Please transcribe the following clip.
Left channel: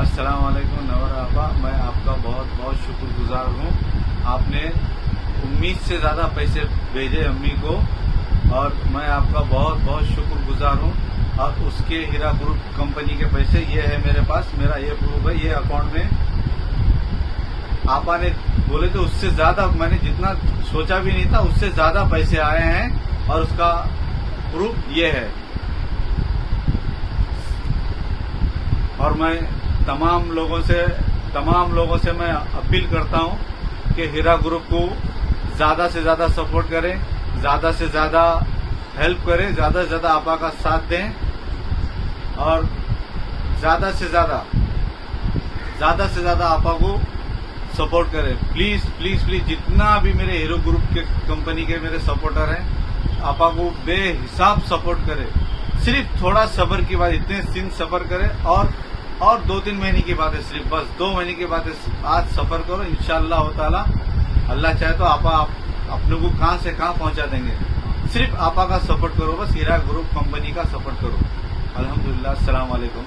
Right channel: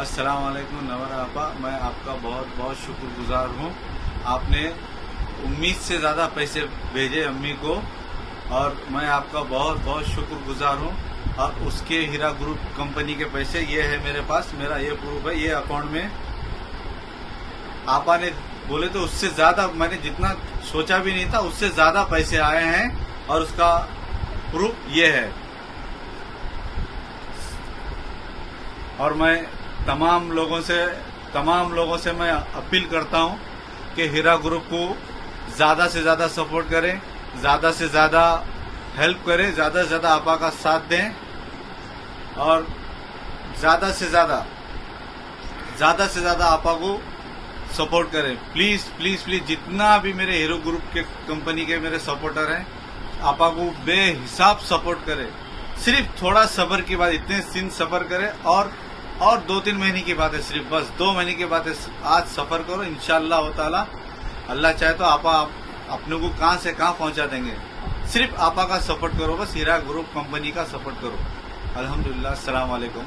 अस्सलाम वालेकुम नवर आपा, मैं आपका बहुत बहुत शुक्रगुजार हूँ। आपने उम्मीद से ज़्यादा पैसे भेजे अम्मी को और मैं आपका बहुत बहुत शुक्रगुजार हूँ। और उसके हीरा ग्रुप कंपनी के पैसे ये है मेरे पास, मेरा ये प्रूफ है, ये अकाउंट में आपा ने बोले तो उससे ज़्यादा, मैंने जितना सोचा भी नहीं था उससे ज़्यादा पैसे आए हैं और उसका प्रूफ ये है। और मैं तमाम लोगों से मैं अपील करता हूं कि हीरा ग्रुप को ज्यादा से ज्यादा सपोर्ट करें, ज्यादा से ज्यादा हेल्प करें, ज्यादा से ज्यादा आपा का साथ दें और ज्यादा से ज्यादा आपा को सपोर्ट करें। प्लीज प्लीज प्लीज, जितना भी मेरे हीरो ग्रुप के कंपनी के मेरे सपोर्टर हैं, आपा को बेहिसाब सपोर्ट करें। सिर्फ थोड़ा सब्र की बात, इतने दिन सब्र करें और 2-3 महीने की बात है, सिर्फ बस 2 महीने की बात है। आज सफर करो, इंशाअल्लाह ताला अल्लाह चाहे तो आपा अपने को कहां से कहां पहुंचा देंगे। सिर्फ आपा का सपोर्ट करो, बस हीरा ग्रुप कंपनी का सपोर्ट करो। अल्हम्दुलिल्लाह, अस्सलाम वालेकुम।